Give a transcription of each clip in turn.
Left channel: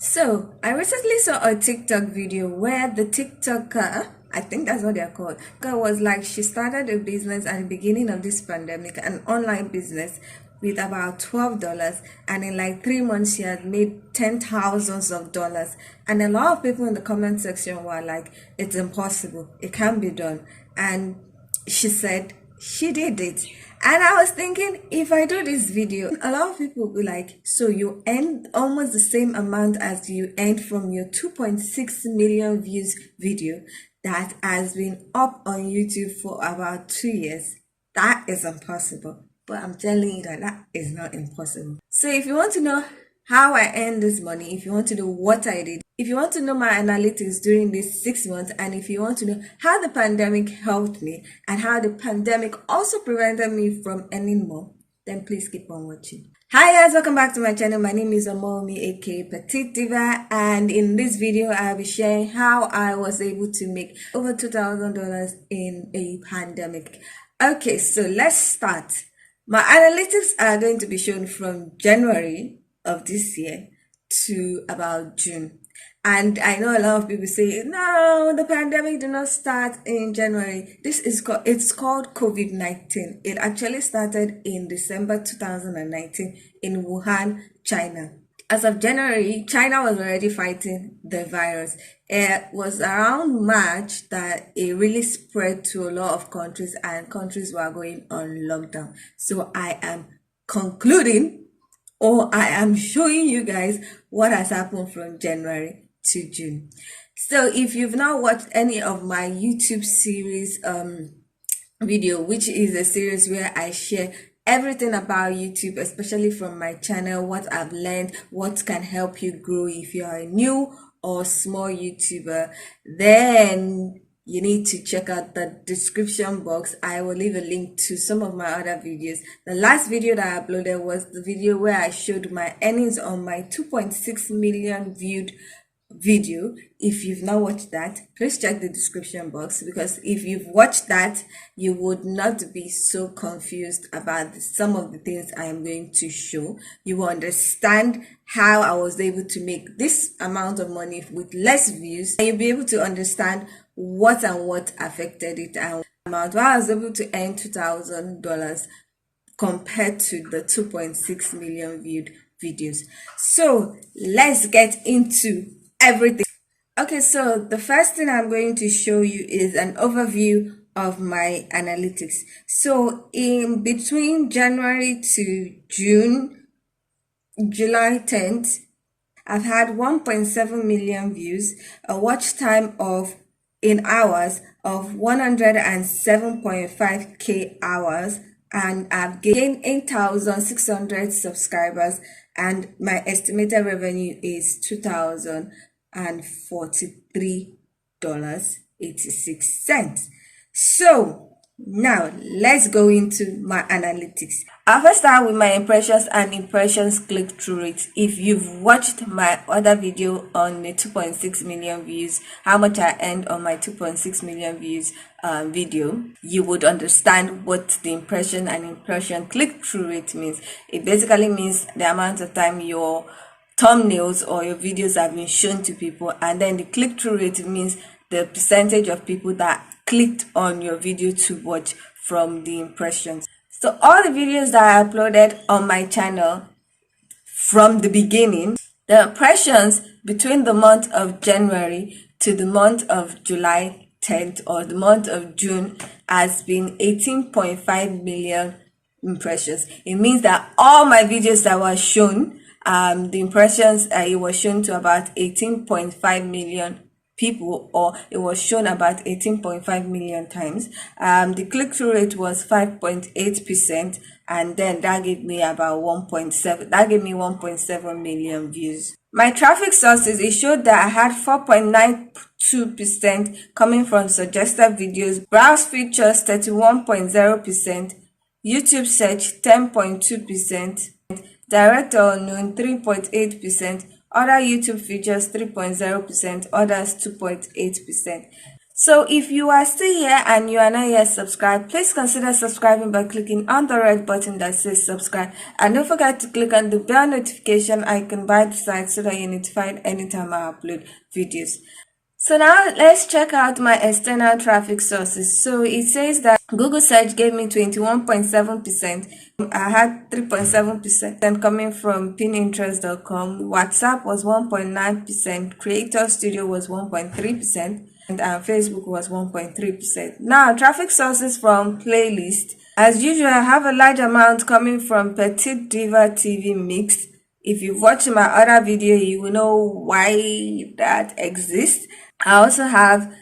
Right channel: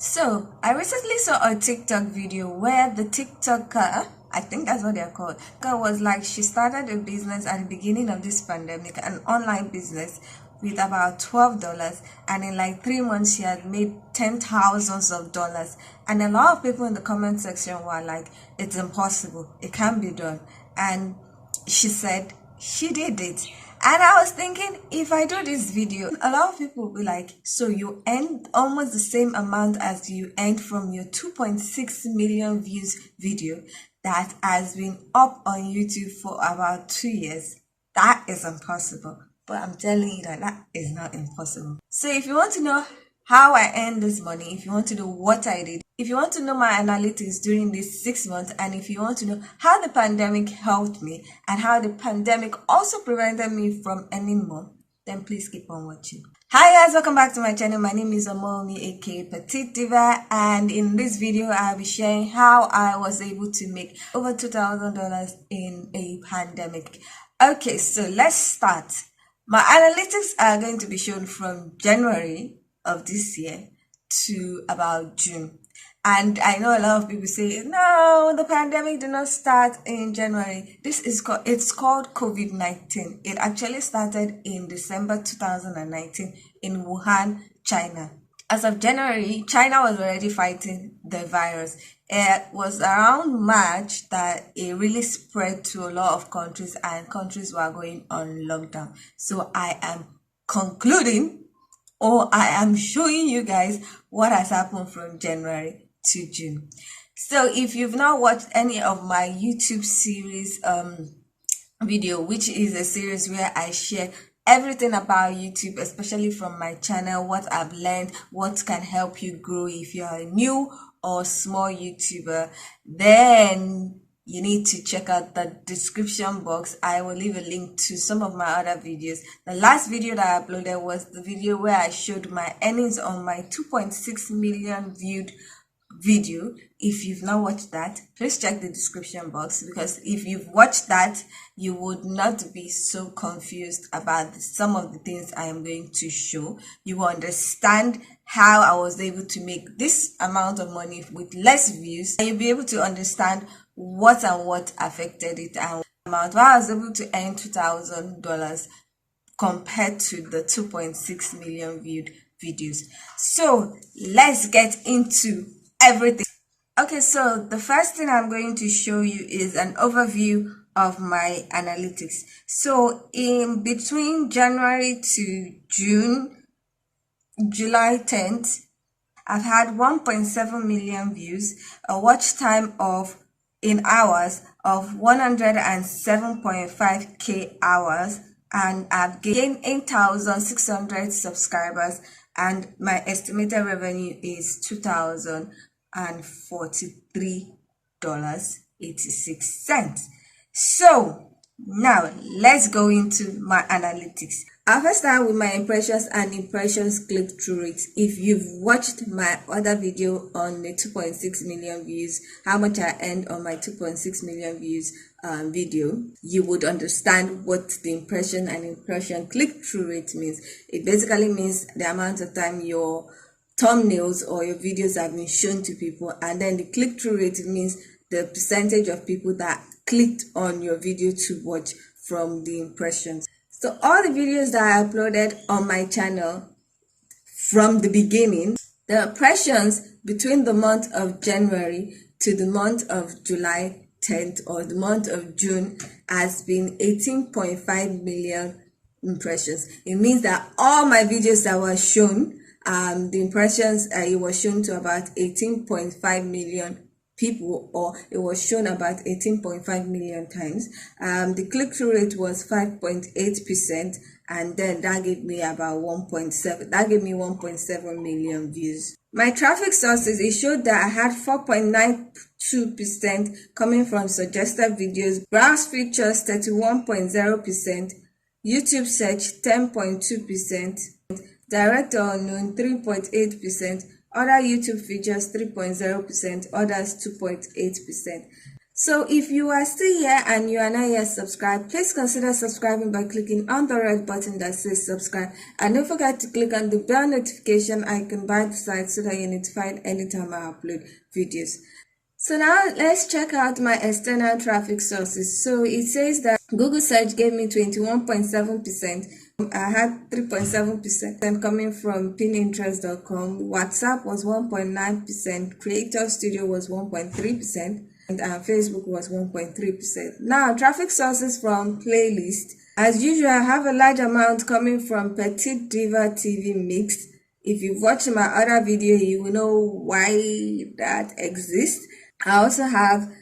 So, I recently saw a TikTok video where the TikToker, I think that's what they're called, was like she started a business at the beginning of this pandemic, an online business with about $12, and in like 3 months she had made ten thousands of dollars. And a lot of people in the comment section were like, it's impossible, it can't be done. And she said she did it. And I was thinking, if I do this video, a lot of people will be like, so you earn almost the same amount as you earned from your 2.6 million views video that has been up on YouTube for about 2 years. That is impossible. But I'm telling you that that is not impossible. So if you want to know how I earned this money, if you want to know what I did, if you want to know my analytics during these 6 months, and if you want to know how the pandemic helped me and how the pandemic also prevented me from earning more, then please keep on watching. Hi guys, welcome back to my channel. My name is Omomi, aka Petite Diva, and in this video I'll be sharing how I was able to make over $2,000 in a pandemic. Okay, so let's start. My analytics are going to be shown from January of this year to about June. And I know a lot of people say, no, the pandemic did not start in January. It's called COVID-19. It actually started in December 2019 in Wuhan, China. As of January, China was already fighting the virus. It was around March that it really spread to a lot of countries, and countries were going on lockdown. So I am concluding, or I am showing you guys what has happened from January to June. So if you've not watched any of my YouTube series video, which is a series where I share everything about YouTube, especially from my channel, what I've learned, what can help you grow if you're a new or small YouTuber, then you need to check out the description box. I will leave a link to some of my other videos. The last video that I uploaded was the video where I showed my earnings on my 2.6 million viewed video. If you've not watched that, please check the description box, because if you've watched that, you would not be so confused about some of the things I am going to show. You will understand how I was able to make this amount of money with less views, and you'll be able to understand what and what affected it, and amount why I was able to earn $2,000 compared to the 2.6 million viewed videos. So let's get into everything. Okay, so the first thing I'm going to show you is an overview of my analytics. So in between January to June, July 10th, I've had 1.7 million views, a watch time of in hours of 107.5k hours, and I've gained 8,600 subscribers, and my estimated revenue is $2,043.86. So now let's go into my analytics. I'll first start with my impressions and impressions click-through rate. If you've watched my other video on the 2.6 million views, how much I earned on my 2.6 million views video, you would understand what the impression and impression click-through rate means. It basically means the amount of time your thumbnails or your videos have been shown to people, and then the click-through rate means the percentage of people that clicked on your video to watch from the impressions. So all the videos that I uploaded on my channel from the beginning, the impressions between the month of January to the month of July 10th or the month of June has been 18.5 million impressions. It means that all my videos that were shown, the impressions, it was shown to about 18.5 million people, or it was shown about 18.5 million times. The click-through rate was 5.8%, and then that gave me about 1.7 million views. My traffic sources, it showed that I had 4.92% coming from suggested videos, browse features 31.0%, YouTube search 10.2%, direct or unknown 3.8%, other YouTube features 3.0%, others 2.8%. So if you are still here and you are not yet subscribed, please consider subscribing by clicking on the red button that says subscribe. And don't forget to click on the bell notification icon by the side so that you're notified anytime I upload videos. So now let's check out my external traffic sources. So it says that Google search gave me 21.7%. I had 3.7% coming from Pinterest.com. WhatsApp was 1.9%. Creator Studio was 1.3%. And Facebook was 1.3%. Now, traffic sources from playlist. As usual, I have a large amount coming from Petite Diva TV Mixed. If you've watched my other video, you will know why that exists. I also have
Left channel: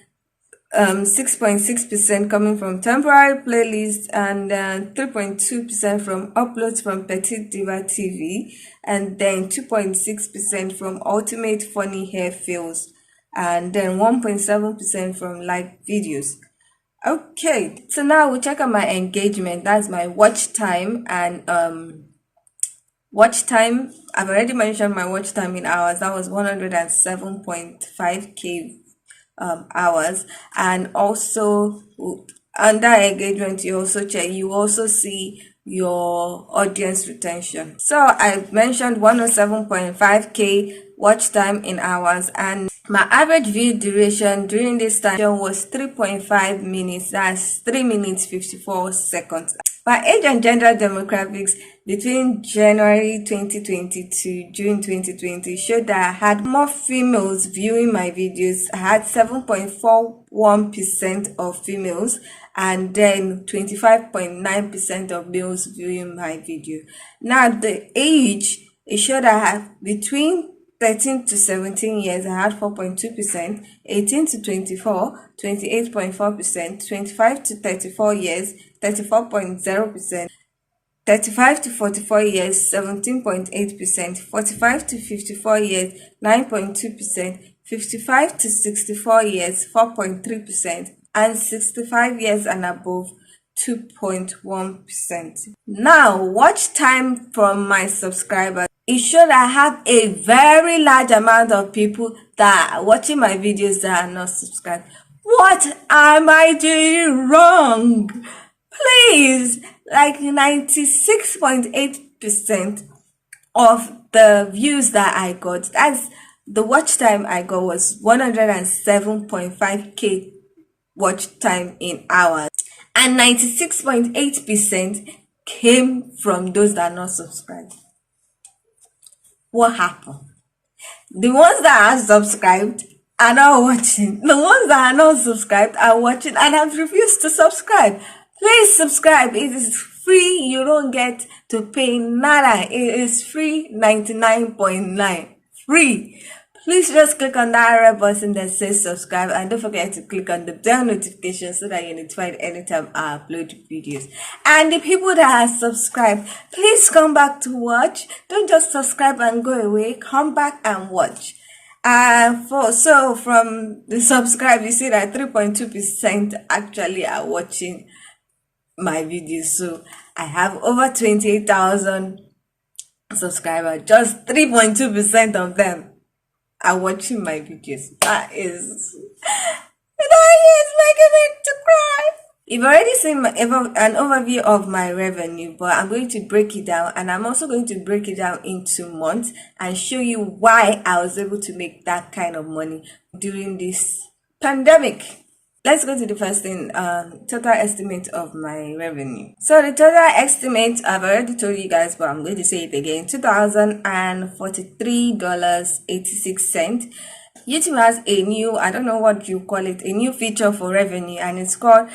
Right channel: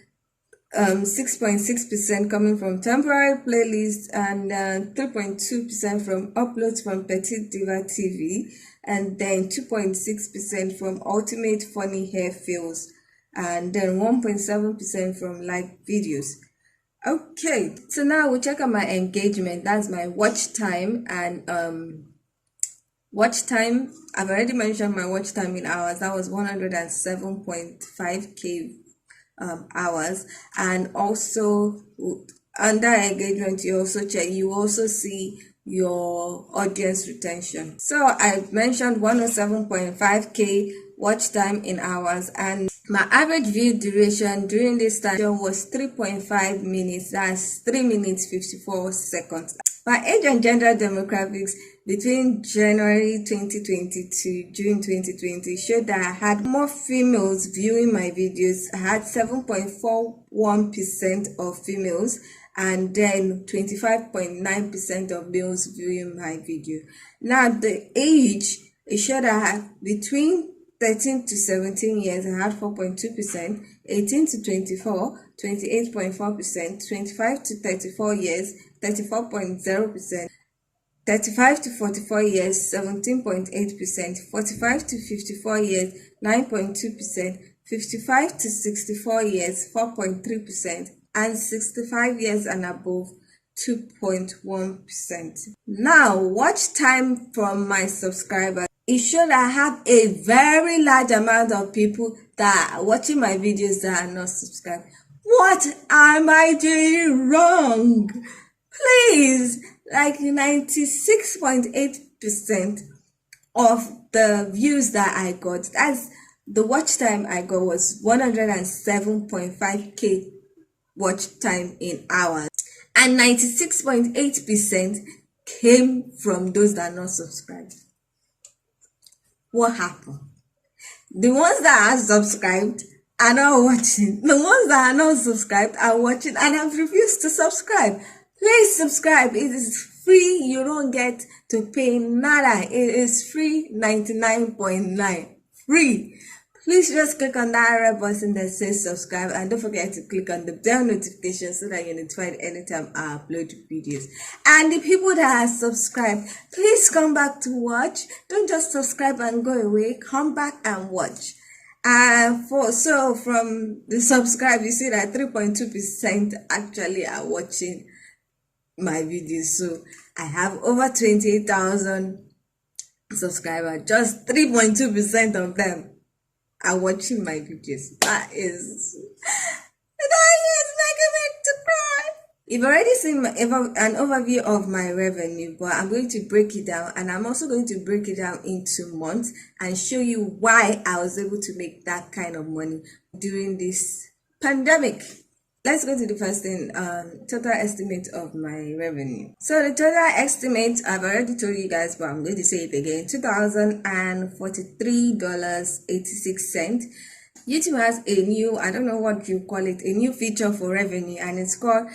6.6% coming from temporary playlists and 3.2% from uploads from Petite Diva TV, and then 2.6% from Ultimate Funny Hair Fails, and then 1.7% from like videos. Okay, so now we'll check out my engagement. That's my watch time. And watch time, I've already mentioned my watch time in hours. That was 107.5k hours. And also under engagement, you also see your audience retention. So I mentioned 107.5k watch time in hours, and my average view duration during this time was 3.5 minutes. That's 3 minutes 54 seconds. My age and gender demographics between January 2020 to June 2020 showed that I had more females viewing my videos. I had 7.41% of females and then 25.9% of males viewing my video. Now the age, it showed that I had between 13 to 17 years, I had 4.2%, 18 to 24, 28.4%, 25 to 34 years, 34.0%, 35 to 44 years, 17.8%, 45 to 54 years, 9.2%, 55 to 64 years, 4.3%, and 65 years and above, 2.1%. Now, watch time from my subscribers. It showed I have a very large amount of people that are watching my videos that are not subscribed. What am I doing wrong? Please, like 96.8% of the views that I got, that's the watch time I got, was 107.5k watch time in hours, and 96.8% came from those that are not subscribed. What happened? The ones that are subscribed are not watching. The ones that are not subscribed are watching and have refused to subscribe. Please subscribe. It is free. You don't get to pay nada. It is free, 99.9. Free. Please just click on that red button that says subscribe, and don't forget to click on the bell notification so that you're notified anytime I upload videos. And the people that are subscribed, please come back to watch. Don't just subscribe and go away. Come back and watch. So from the subscribe, you see that 3.2% actually are watching my videos. So I have over 28,000 subscribers. Just 3.2% of them are watching my videos. That is making me to cry. You've already seen an overview of my revenue, but I'm going to break it down, and I'm also going to break it down into months and show you why I was able to make that kind of money during this pandemic. Let's go to the first thing, total estimate of my revenue. So the total estimate, I've already told you guys, but I'm going to say it again, $2,043.86. YouTube has a new, I don't know what you call it, a new feature for revenue, and it's called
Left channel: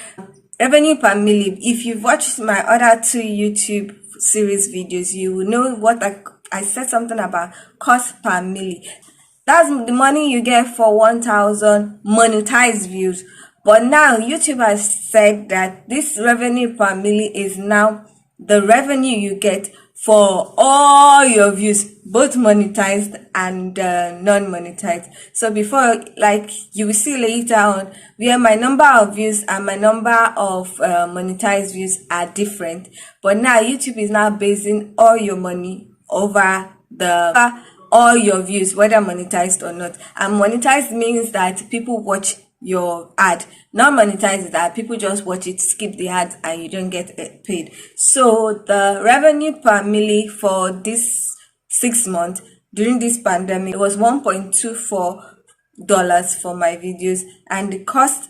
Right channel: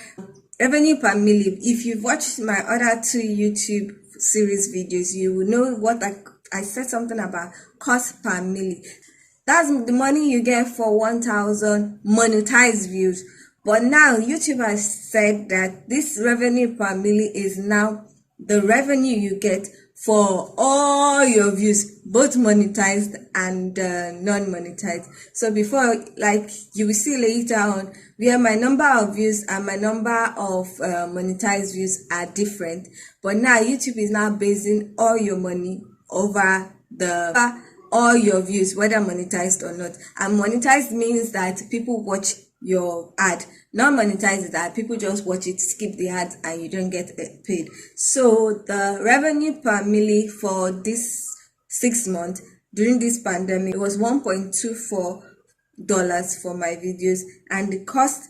revenue per milli. If you've watched my other 2 YouTube series videos, you will know what I said something about cost per milli. That's the money you get for 1,000 monetized views. But now YouTube has said that this revenue per milli is now the revenue you get for all your views, both monetized and non-monetized. So before, like you will see later on, where my number of views and my number of monetized views are different. But now YouTube is now basing all your money over all your views, whether monetized or not. And monetized means that people watch your ad. Not monetize the ad, people just watch it, skip the ads, and you don't get paid. So the revenue per milli for this 6 months during this pandemic, it was $1.24 for my videos, and the cost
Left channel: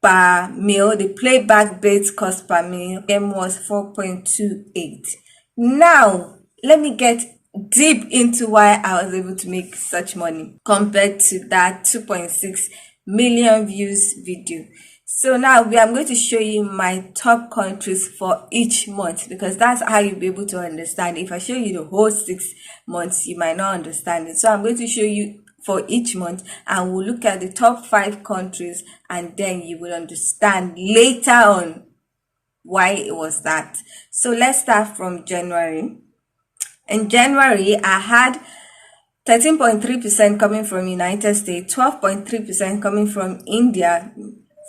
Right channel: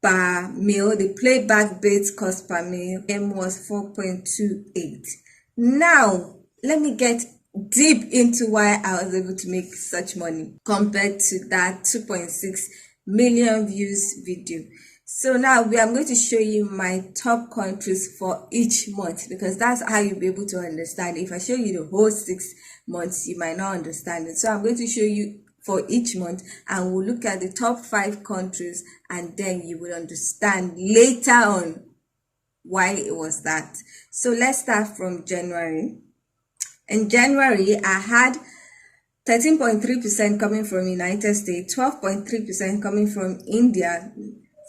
per mil, the playback based cost per mil was 4.28. Now let me get deep into why I was able to make such money compared to that 2.6 million views video. So now I'm going to show you my top countries for each month, because that's how you'll be able to understand. If I show you the whole 6 months, you might not understand it. So I'm going to show you for each month, and we'll look at the top 5 countries, and then you will understand later on why it was that. So let's start from January. In January, I had 13.3% coming from United States, 12.3% coming from India,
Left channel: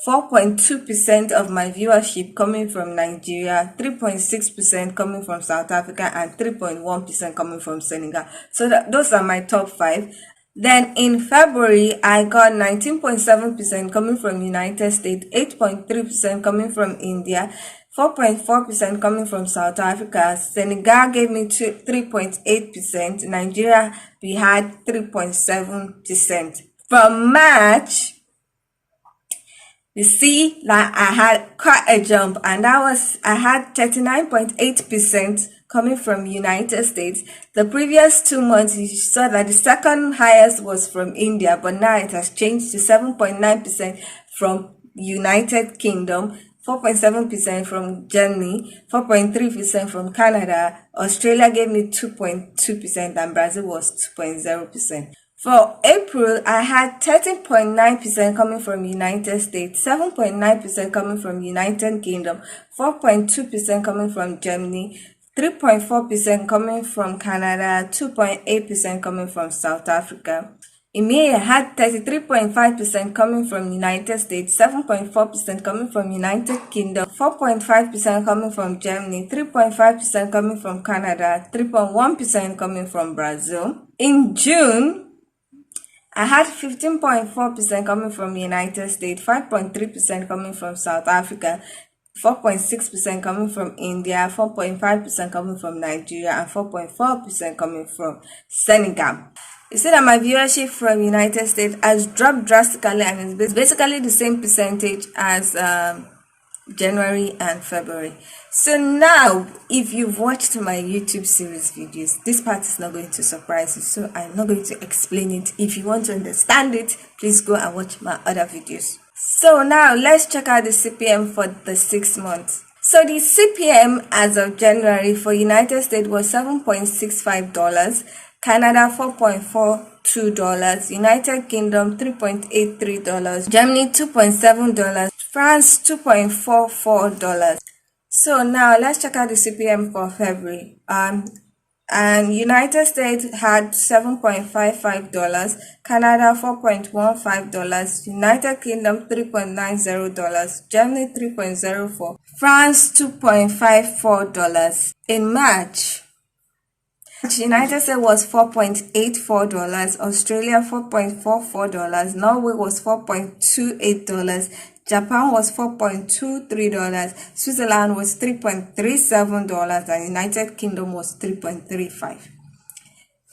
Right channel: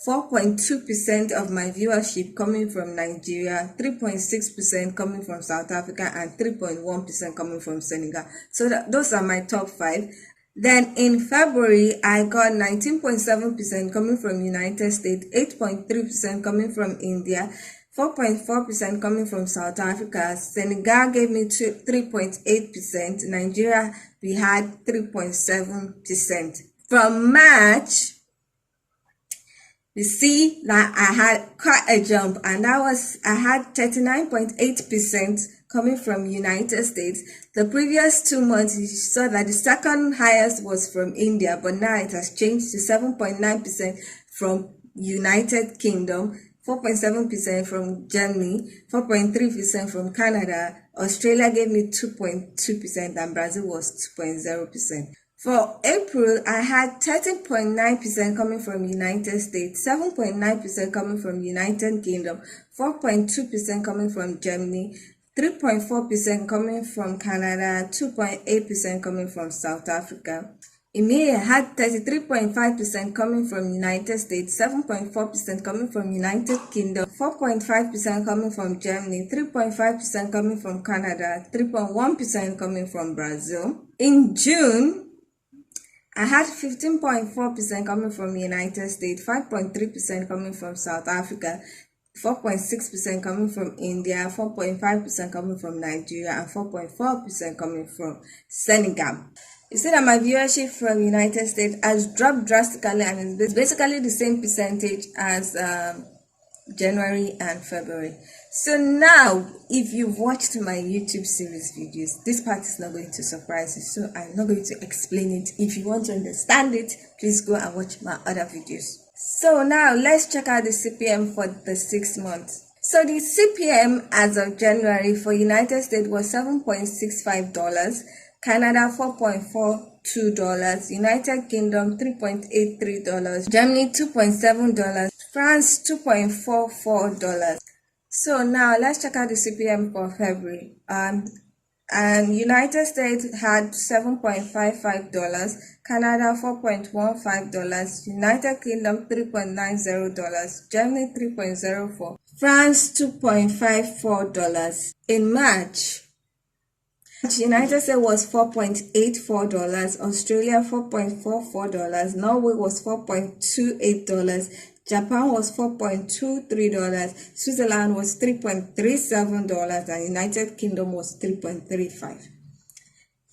4.2% of my viewership coming from Nigeria, 3.6% coming from South Africa, and 3.1% coming from Senegal. So those are my top 5. Then in February, I got 19.7% coming from United States, 8.3% coming from India, 4.4% coming from South Africa. Senegal gave me 3.8%. Nigeria, we had 3.7%. From March, you see that I had quite a jump, and I had 39.8% coming from United States. The previous 2 months, you saw that the second highest was from India, but now it has changed to 7.9% from United Kingdom, 4.7% from Germany, 4.3% from Canada. Australia gave me 2.2%, and Brazil was 2.0%. For April, I had 13.9% coming from United States, 7.9% coming from United Kingdom, 4.2% coming from Germany, 3.4% coming from Canada, 2.8% coming from South Africa. In May, I had 33.5% coming from United States, 7.4% coming from United Kingdom, 4.5% coming from Germany, 3.5% coming from Canada, 3.1% coming from Brazil. In June, I had 15.4% coming from United States, 5.3% coming from South Africa, 4.6% coming from India, 4.5% coming from Nigeria, and 4.4% coming from Senegal. You see that my viewership from United States has dropped drastically, and it's basically the same percentage as January and February. So now, if you've watched my YouTube series videos, this part is not going to surprise you, so I'm not going to explain it. If you want to understand it, please go and watch my other videos. So now, let's check out the CPM for the 6 months. So the CPM as of January for United States was $7.65, Canada $4.42, United Kingdom $3.83, Germany $2.7, France $2.44. So now let's check out the CPM for February. And United States had $7.55, Canada $4.15, United Kingdom $3.90, Germany $3.04, France $2.54. In March, United States was $4.84, Australia $4.44, Norway was $4.28, Japan was $4.23, Switzerland was $3.37, and United Kingdom was $3.35.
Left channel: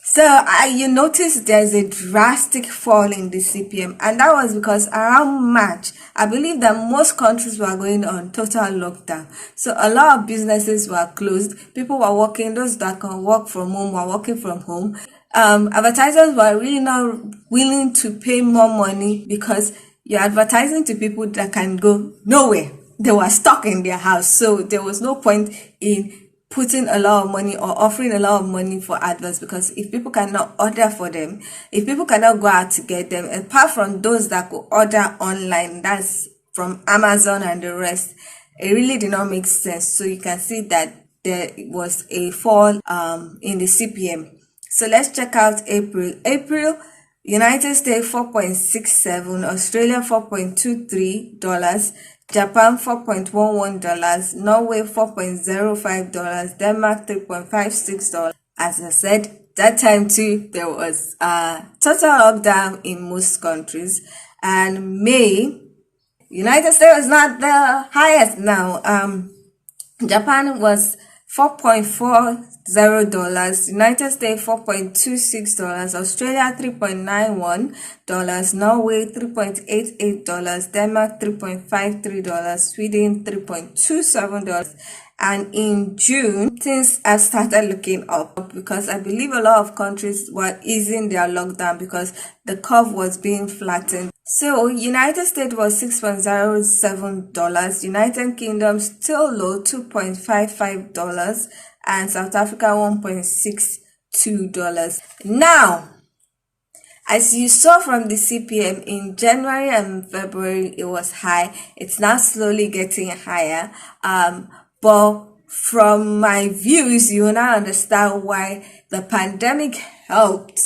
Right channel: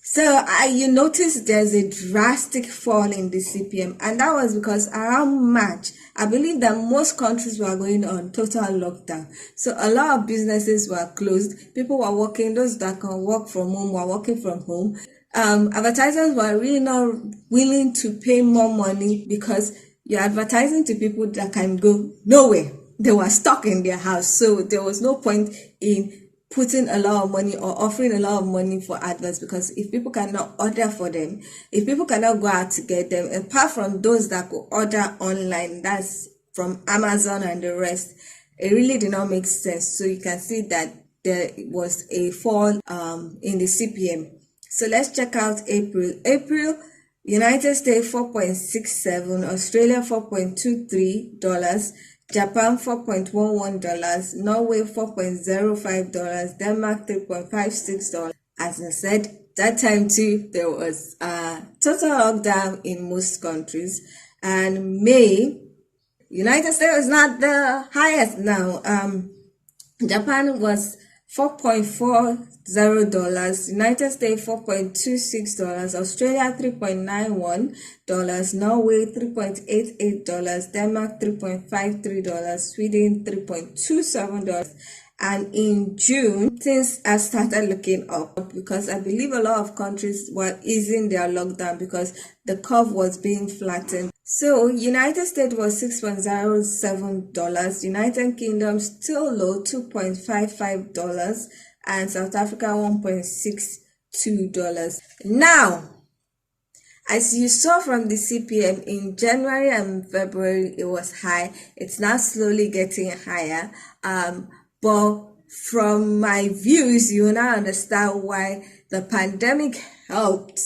So you notice there's a drastic fall in the CPM, and that was because around March, I believe that most countries were going on total lockdown. So a lot of businesses were closed. People were working, those that can work from home were working from home. Advertisers were really not willing to pay more money because you're advertising to people that can go nowhere. They were stuck in their house. So there was no point in putting a lot of money or offering a lot of money for adverts, because if people cannot order for them, if people cannot go out to get them, apart from those that could order online, that's from Amazon and the rest, it really did not make sense. So you can see that there was a fall in the CPM. So let's check out April. United States $4.67, Australia $4.23, Japan $4.11, Norway $4.05, Denmark $3.56. As I said, that time too, there was a total lockdown in most countries. and May, United States was not the highest now. Japan was $4.40, United States $4.26, Australia $3.91, Norway $3.88, Denmark $3.53, Sweden $3.27. And in June, things have started looking up because I believe a lot of countries were easing their lockdown because the curve was being flattened. So United States was $6.07, United Kingdom still low $2.55, and South Africa $1.62. Now, as you saw from the CPM in January and February, it was high. It's now slowly getting higher. But from my views, you will now understand why the pandemic helped,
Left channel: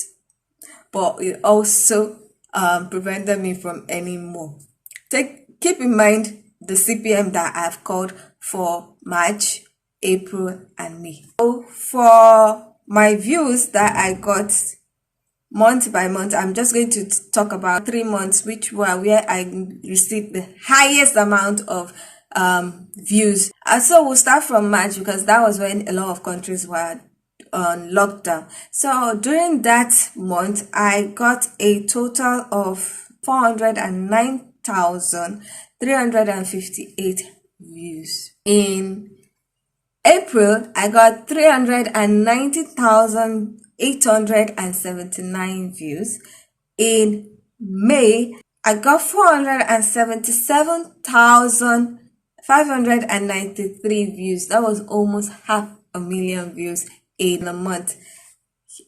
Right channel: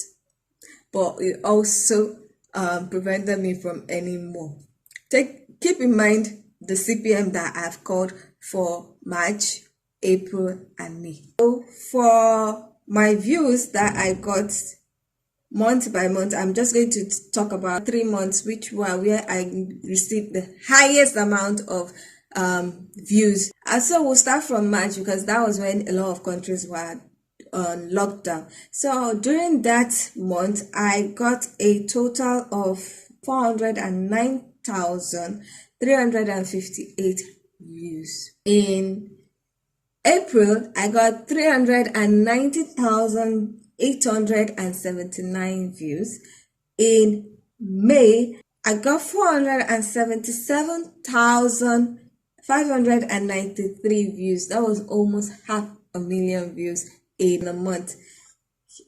but it also prevented me from earning more. Keep in mind the CPM that I've called for March, April, and May. So for my views that I got month by month, I'm just going to talk about 3 months, which were where I received the highest amount of views. And so we'll start from March because that was when a lot of countries were on lockdown. So during that month, I got a total of 409,358 views. In April, I got 390,879 views. In May, I got 477,593 views. That was almost 500,000 views in a month.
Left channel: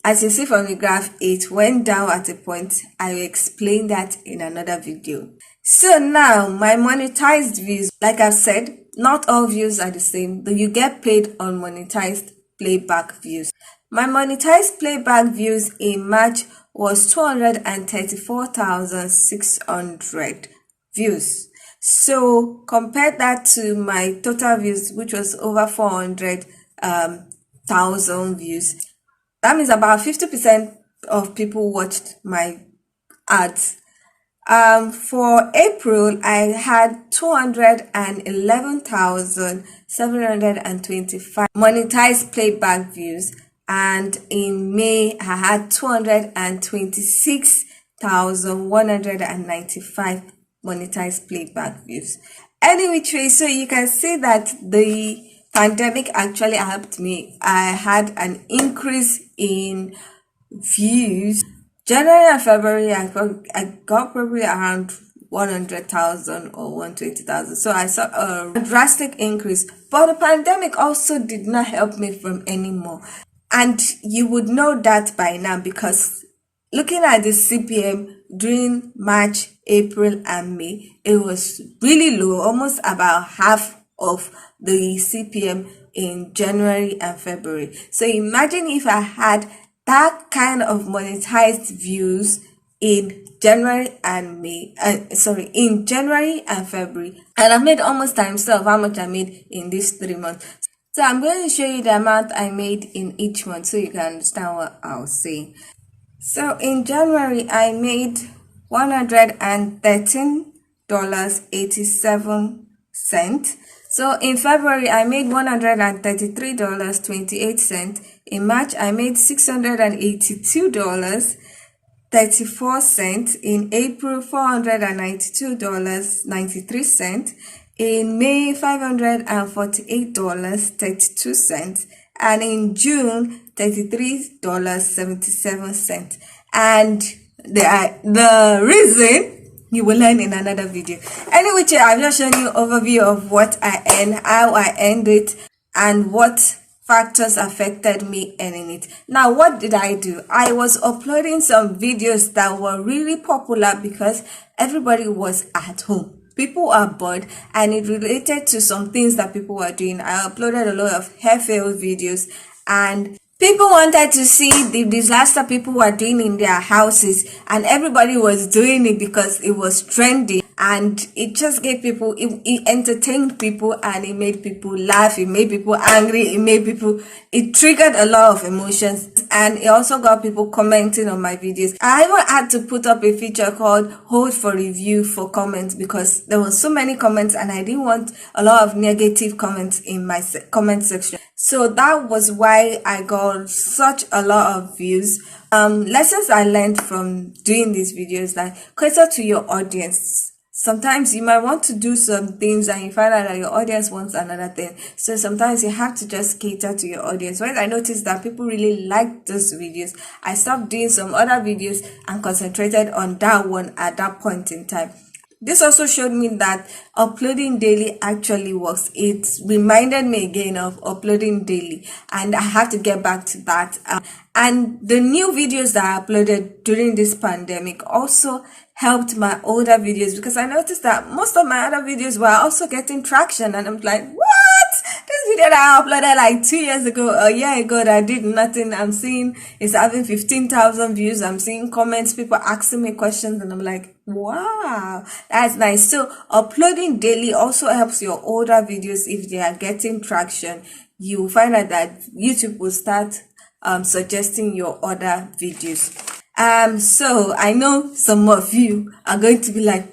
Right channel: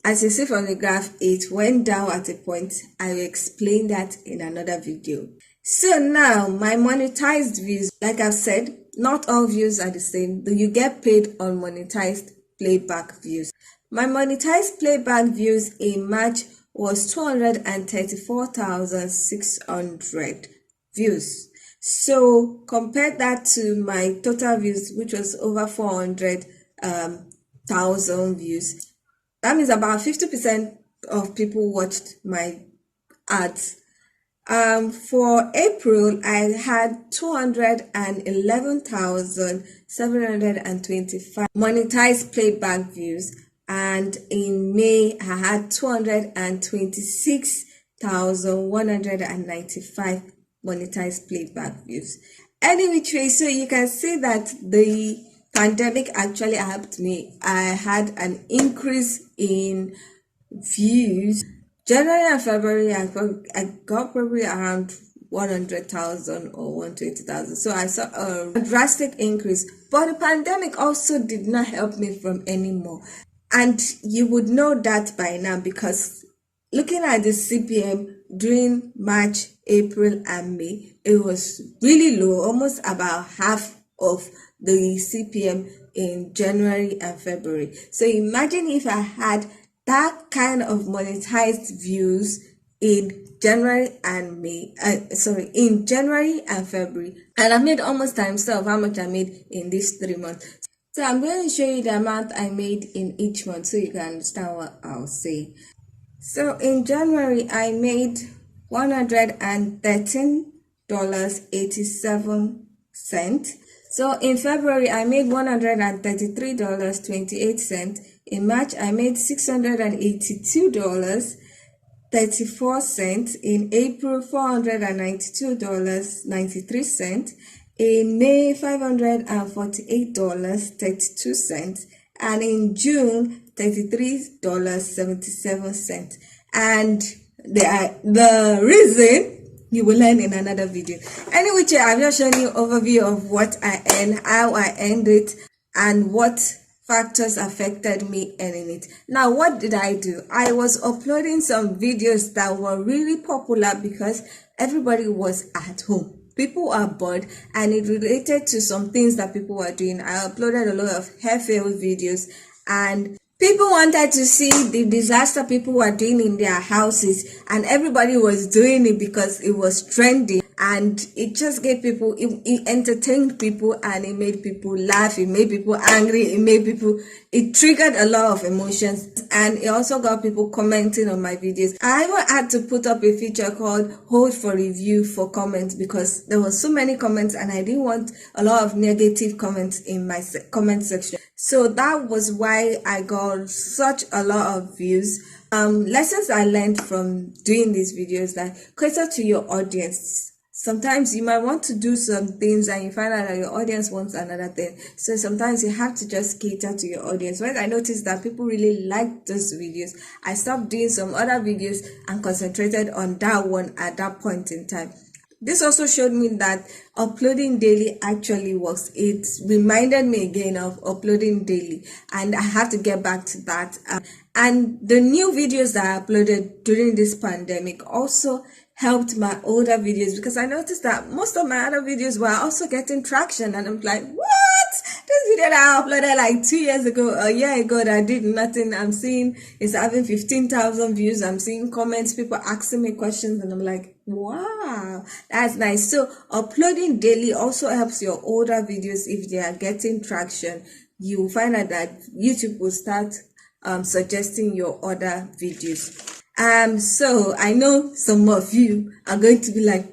As you see from the graph, it went down at a point. I will explain that in another video. So now, my monetized views, like I've said, not all views are the same, but you get paid on monetized playback views. My monetized playback views in March was 234,600 views. So compare that to my total views, which was over 400,000 views. That means about 50% of people watched my ads. For April, I had 211,725 monetized playback views, and in May, I had 226,195 monetized playback views. Anyway, so you can see that the pandemic actually helped me. I had an increase in views. January and February, I got probably around 100,000 or 120,000. So I saw a drastic increase. But the pandemic also did not help me from any more. And you would know that by now because looking at the CPM during March, April, and May, it was really low, almost about half of the CPM in January and February. So imagine if I had that kind of monetized views in January and in January and February, and I made almost times of how much I made in these 3 months. So I'm going to show you the amount I made in each month so you can understand what I was saying. So in January, I made $113.87. So in February, I made $133.28. In March, I made $682.34. In April, $492.93. In May, $548.32. And in June, $33.77. And the reason you will learn in another video. Anyway, I'm just showing you an overview of what I earned, how I earned it, and what factors affected me earning it. Now, what did I do? I was uploading some videos that were really popular because everybody was at home. People are bored, and it related to some things that people were doing. I uploaded a lot of hair fail videos, and People wanted to see the disaster people were doing in their houses, and everybody was doing it because it was trendy, and it just gave people, it entertained people, and it made people laugh, it made people angry, it triggered a lot of emotions, and it also got people commenting on my videos. I even had to put up a feature called hold for review for comments, because there were so many comments and I didn't want a lot of negative comments in my comment section. So that was why I got such a lot of views. Lessons I learned from doing these videos, like cater to your audience. Sometimes you might want to do some things and you find out that your audience wants another thing. So sometimes you have to just cater to your audience. When I noticed that people really liked those videos, I stopped doing some other videos and concentrated on that one at that point in time. This also showed me that uploading daily actually works. It reminded me again of uploading daily, and I have to get back to that. And the new videos that I uploaded during this pandemic also helped my older videos, because I noticed that most of my other videos were also getting traction, and I'm like, what? This video that I uploaded like 2 years ago, a year ago, that I did nothing, I'm seeing it's having 15,000 views. I'm seeing comments, people asking me questions, and I'm like, wow, that's nice. So uploading daily also helps your older videos. If they are getting traction, you find out that YouTube will start suggesting your other videos. So I know some of you are going to be like,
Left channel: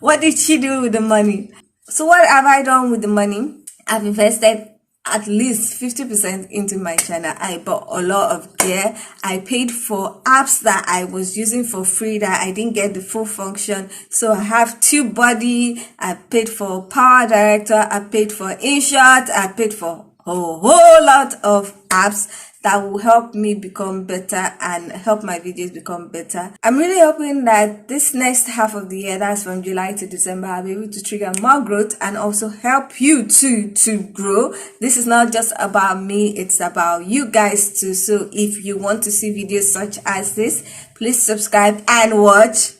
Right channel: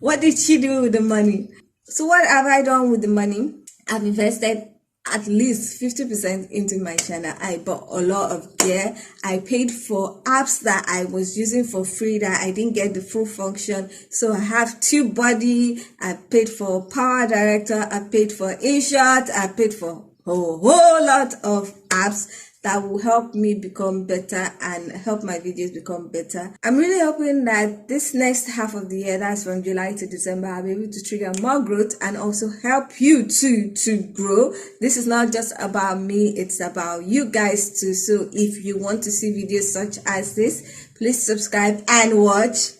what did she do with the money? So what have I done with the money? I've invested at least 50% into my channel. I bought a lot of gear. I paid for apps that I was using for free that I didn't get the full function. So I have TubeBuddy, I paid for Power Director, I paid for InShot, I paid for a whole lot of apps that will help me become better and help my videos become better. I'm really hoping that this next half of the year, that's from July to December, I'll be able to trigger more growth and also help you too to grow. This is not just about me, it's about you guys too. So if you want to see videos such as this, please subscribe and watch.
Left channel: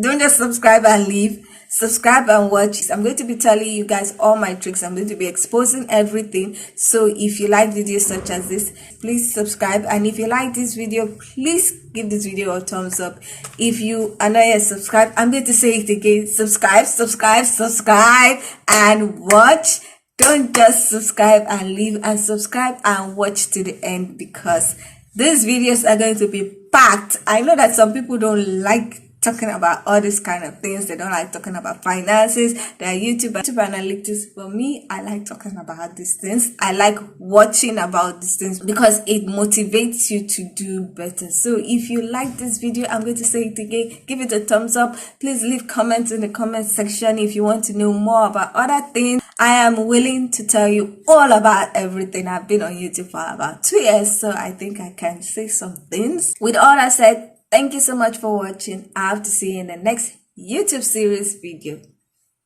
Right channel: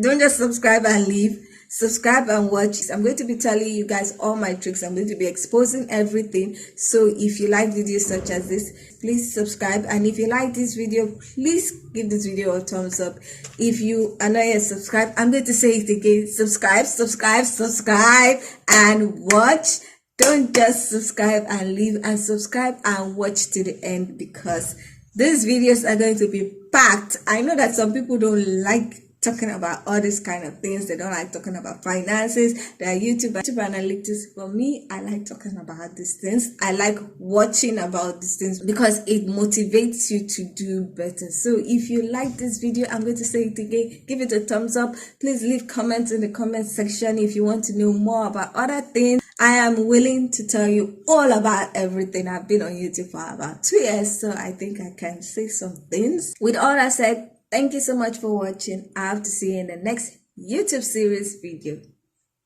Don't just subscribe and leave. Subscribe and watch. I'm going to be telling you guys all my tricks. I'm going to be exposing everything. So if you like videos such as this, please subscribe. And if you like this video, please give this video a thumbs up. If you are not yet subscribed, I'm going to say it again. Subscribe, subscribe, subscribe, and watch. Don't just subscribe and leave, and subscribe and watch to the end, because these videos are going to be packed. I know that some people don't like talking about all these kind of things. They don't like talking about finances, their YouTube analytics. For me, I like talking about these things. I like watching about these things because it motivates you to do better. So if you like this video, I'm going to say it again, give it a thumbs up. Please leave comments in the comment section if you want to know more about other things. I am willing to tell you all about everything. I've been on YouTube for about 2 years, so I think I can say some things. With all that said, thank you so much for watching. I have to see you in the next YouTube series video.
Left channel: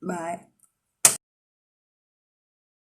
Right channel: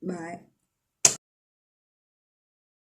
Bye.